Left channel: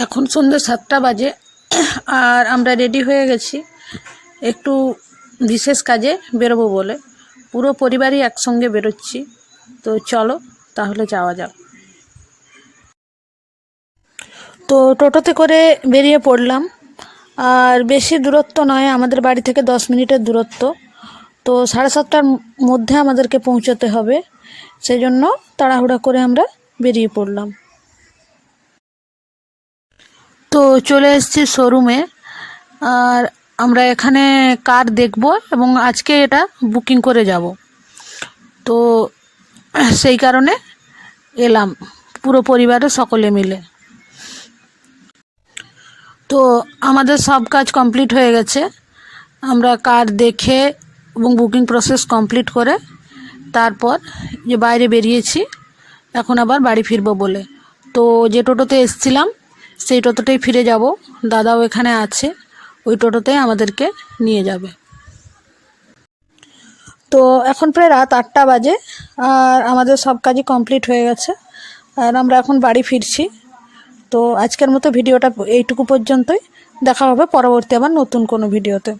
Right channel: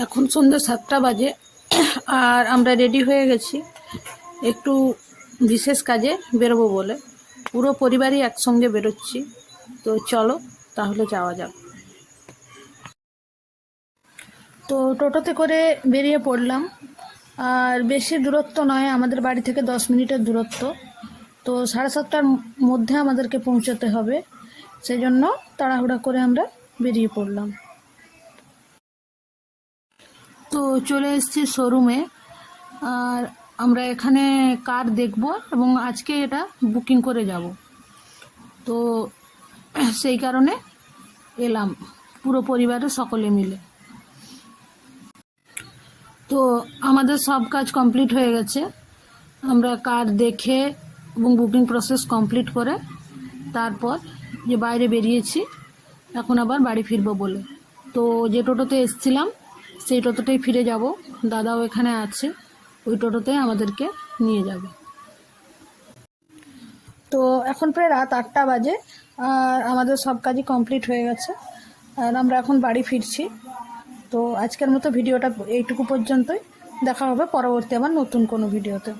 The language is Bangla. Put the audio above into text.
এখন সন্ধ্যে 7টা বাজে আর আমরা রেডি হয়ে গেছি একটু বিশেষ কাজে বেরোবো বলে। পুরো পরিবারই একসঙ্গে বেরোচ্ছি, তো চলো তাহলে যাওয়া যাক। তো টোটোতে করে বেরিয়ে পড়লাম, আর বেশি দূরত্ব নয়, আমাদের বাড়ি থেকে 10 মিনিটের দূরত্ব। তো 7:30টার মধ্যে আমাদেরকে পৌঁছতে হবে, সেই জন্য তাড়াহুড়া করে আমরা বেরিয়ে পড়লাম। তো চলে এসেছি শোরুমে, আর আমরা এখানে কার দেখব এবং আজকে এটা বুকিং করে যাব। তো সেই কারণে এলাম পুরো পরিবারের সকলে মিলে। তো আমাদের সব কাজ কমপ্লিট হয়ে গেছে, আমরা কার দেখে এবং বুকিং প্রসেস কমপ্লিট করে তারপর যে বাইরে বেরিয়েছি এখন আবার বাড়ি ফিরবো বলে। তো যে টোটোতে এসছিলাম সেই টোটোতেই ফিরে যাব, দাদাও এখানে আছে, ওই টোটোতেই আমাদেরকে নিয়ে যাবে। তো এখন প্রায় রাত 8টা বাজে, আর আমাদের সব কাজই কমপ্লিট হয়ে গেছে, আর আমরা এখন বাড়ি ফিরছি। তো আজকের মতো ভিডিওটা এইটুকু পর্যন্তই, দেখা হবে পরবর্তী আবার নতুন কোনো ভিডিওতে।